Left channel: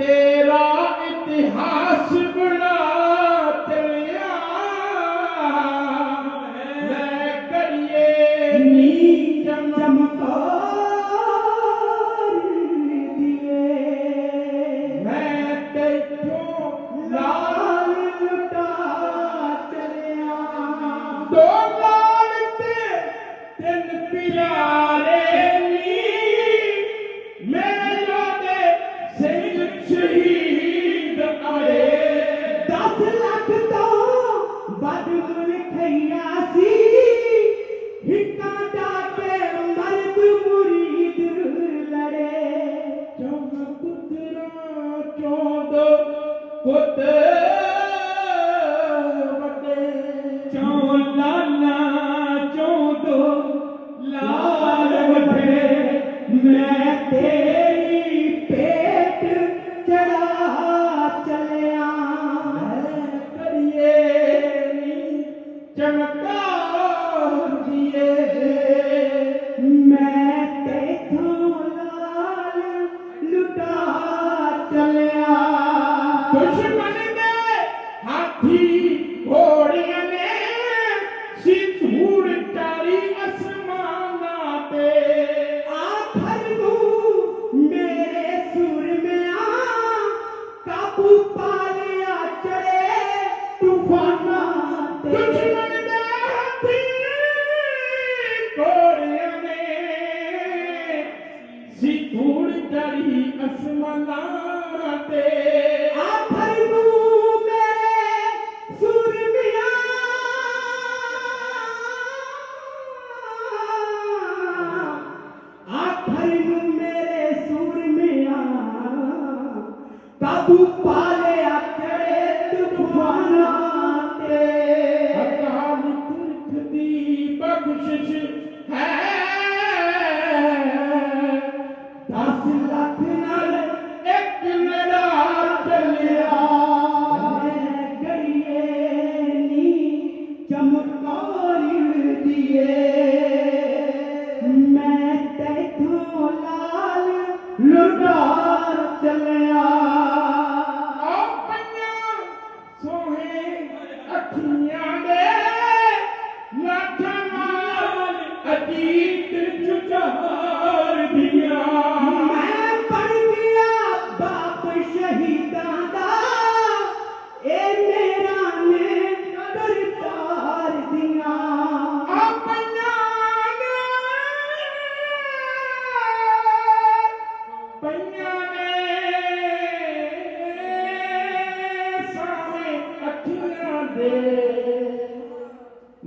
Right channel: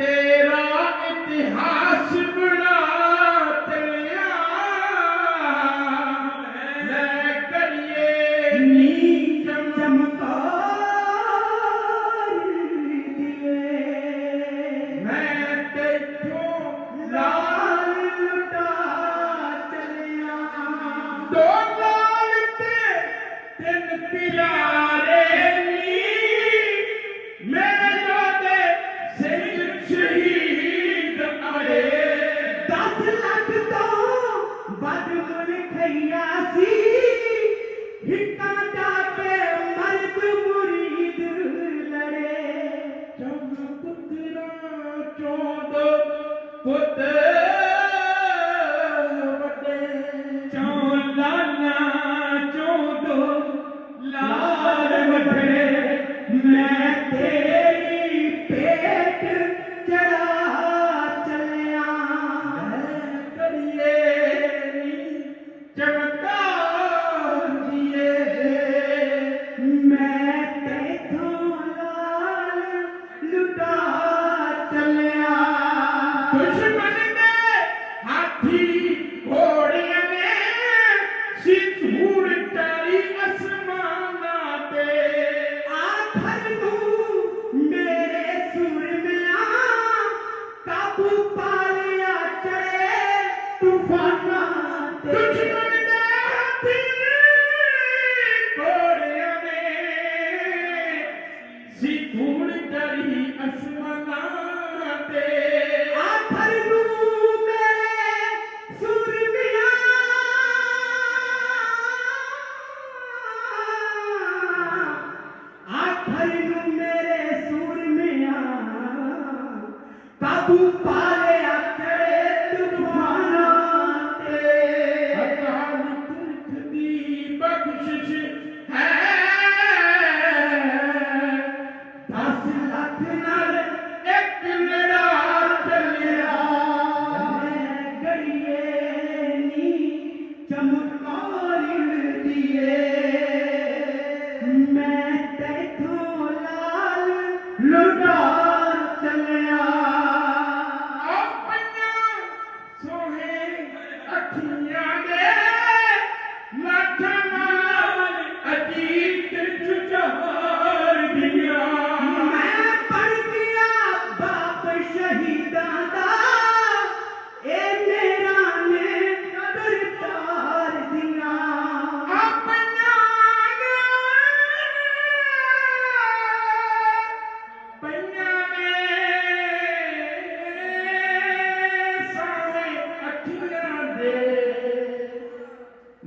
تیرا انتہا چلے نیچ چمتا چل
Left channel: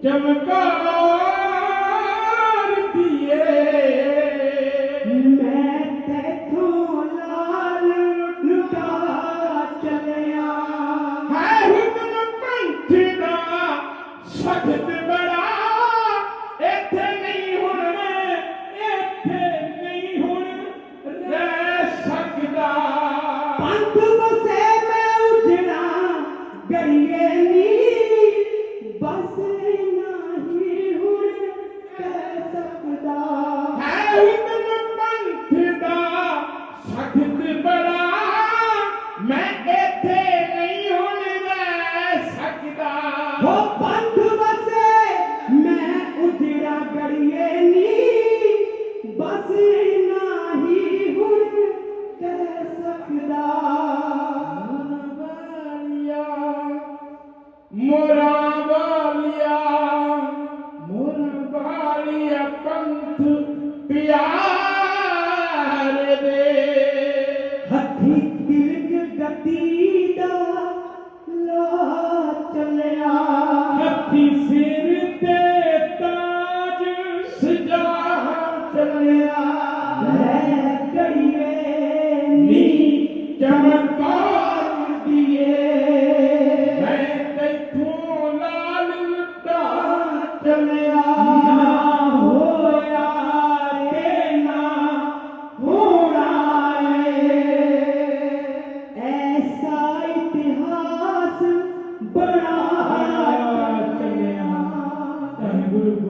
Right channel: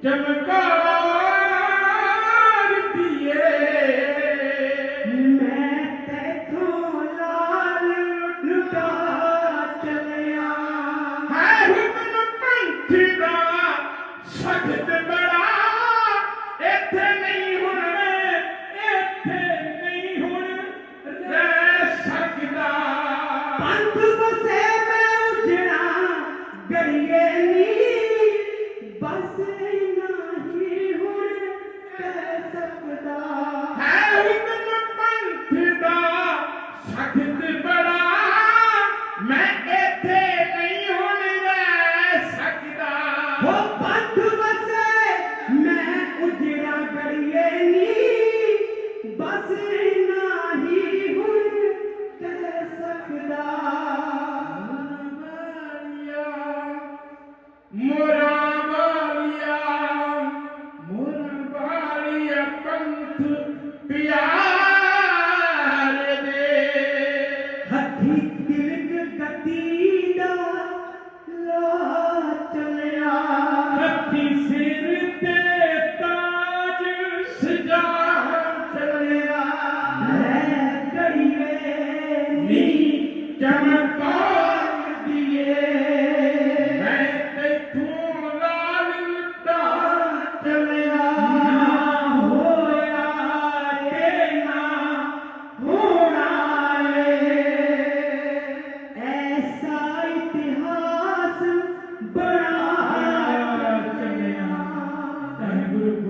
Democrat. tu pia